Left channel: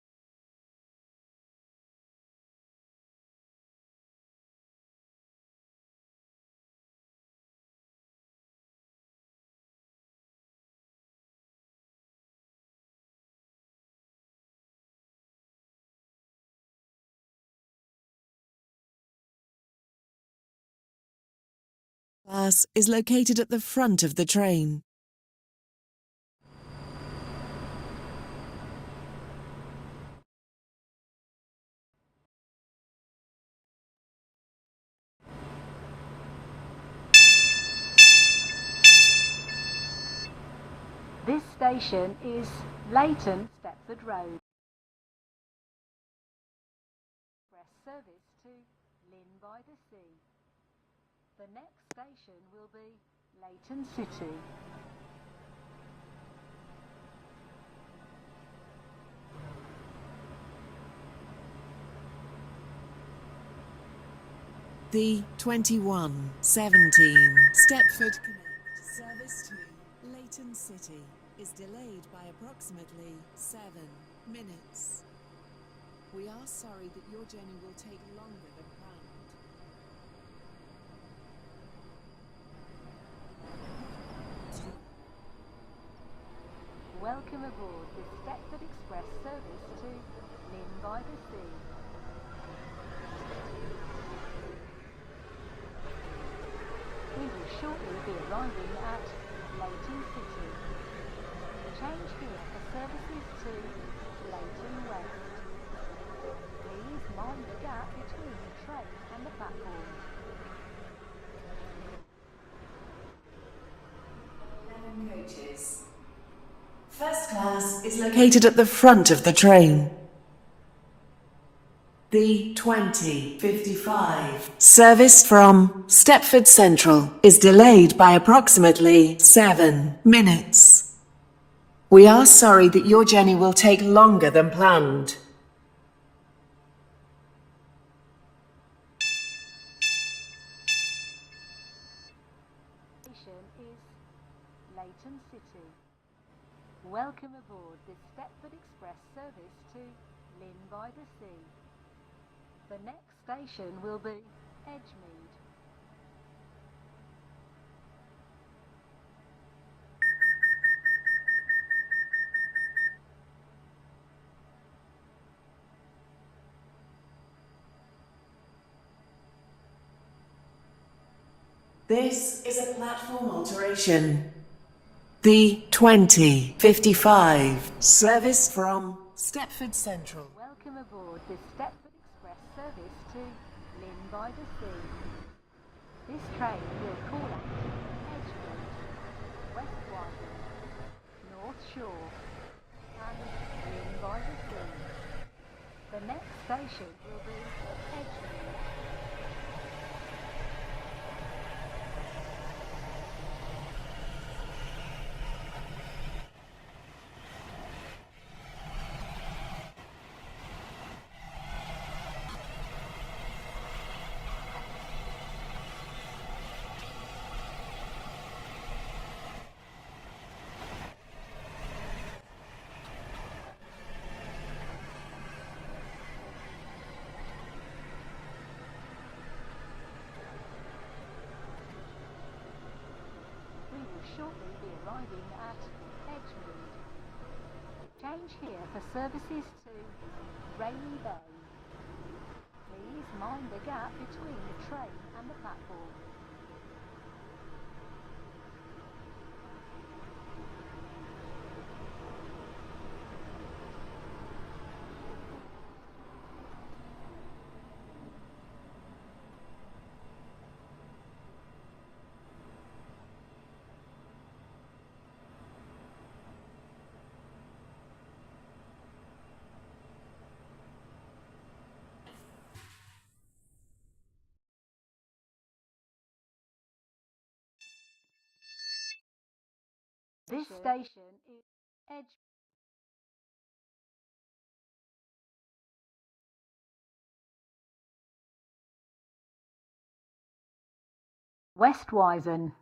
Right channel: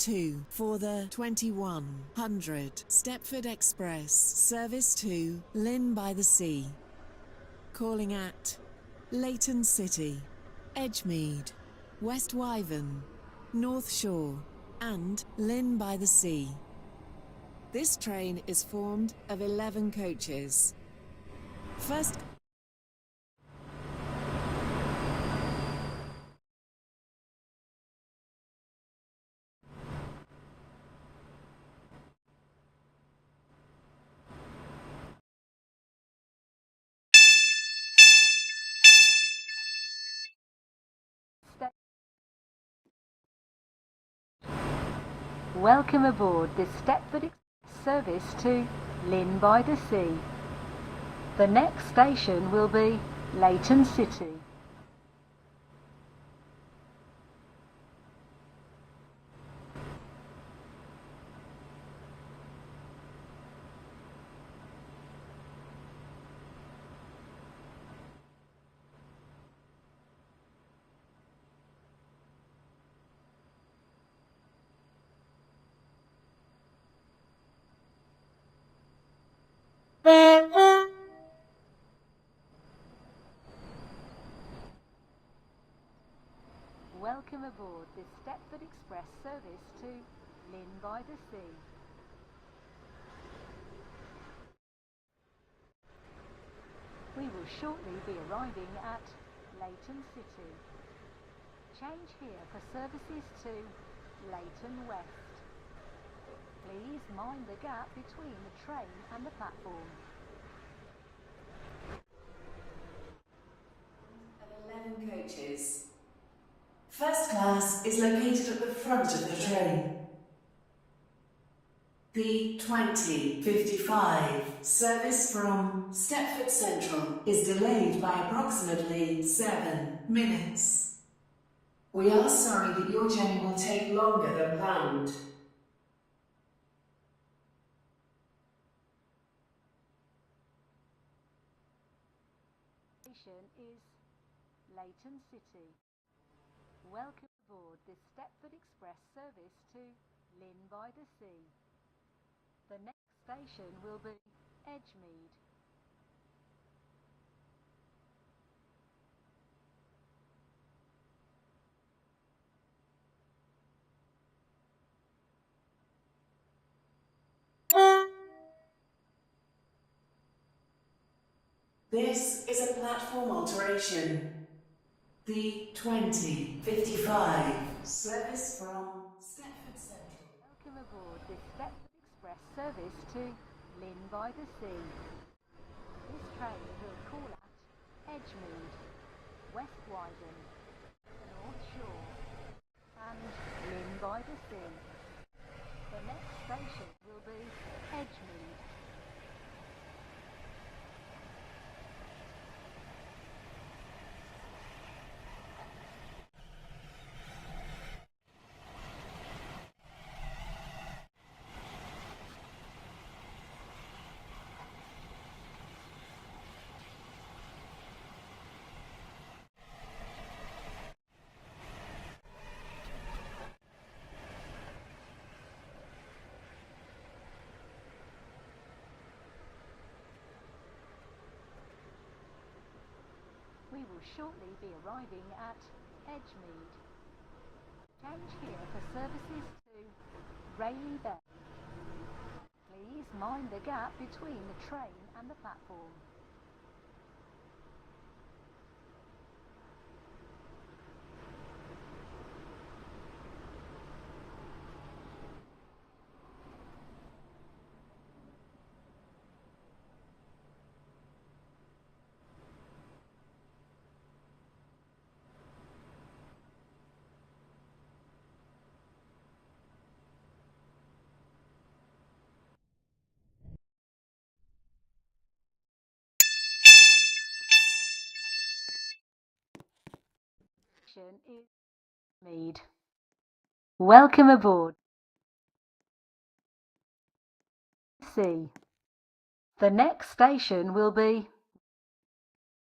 2 for the 2100 Stepford Express service to Lynn by the Sea. Calling at Leighton City, Edgemead, West Wyvern, North Shore and Lynn by the Sea. This train is formed of 11 coaches. First class is located at the front of the train. This station is Leighton Stepford Road. Welcome aboard this Stepford Express service to Lynn by the Sea. The next station will be Leighton City. The 2117 Stepford Connect service to Leighton City is delayed by approximately 7 minutes. We are sorry that your journey will take longer than planned. Welcome aboard this Stepford Express service to Lynn by the Sea. We will shortly be arriving at Leighton City. Change here for services to Leighton West. Please mind the gap between the train and the platform. 11 coaches. First class is located at the front of the train. The 2055 service from Stepford Central is delayed by approximately 7 minutes. We are sorry that your journey will take longer than planned. Station is Leighton City. Welcome aboard this Stepford Express service to Lynn by the Sea. The next station will be Edgemead. This is a platform alteration. The 2055 service from Stepford Central. Welcome aboard this Stepford Express service to Lynn by the Sea. This train will call at Edgemead, West Wyvern, North Shore and Lynn by the Sea. The next station will be Edgemead. We will shortly be arriving at Edgemead. Change here for services to Rainy Bay. Please mind the gap between the train and the platform. This station is Edgemead. Welcome aboard. C. The next station will be West Wyvern.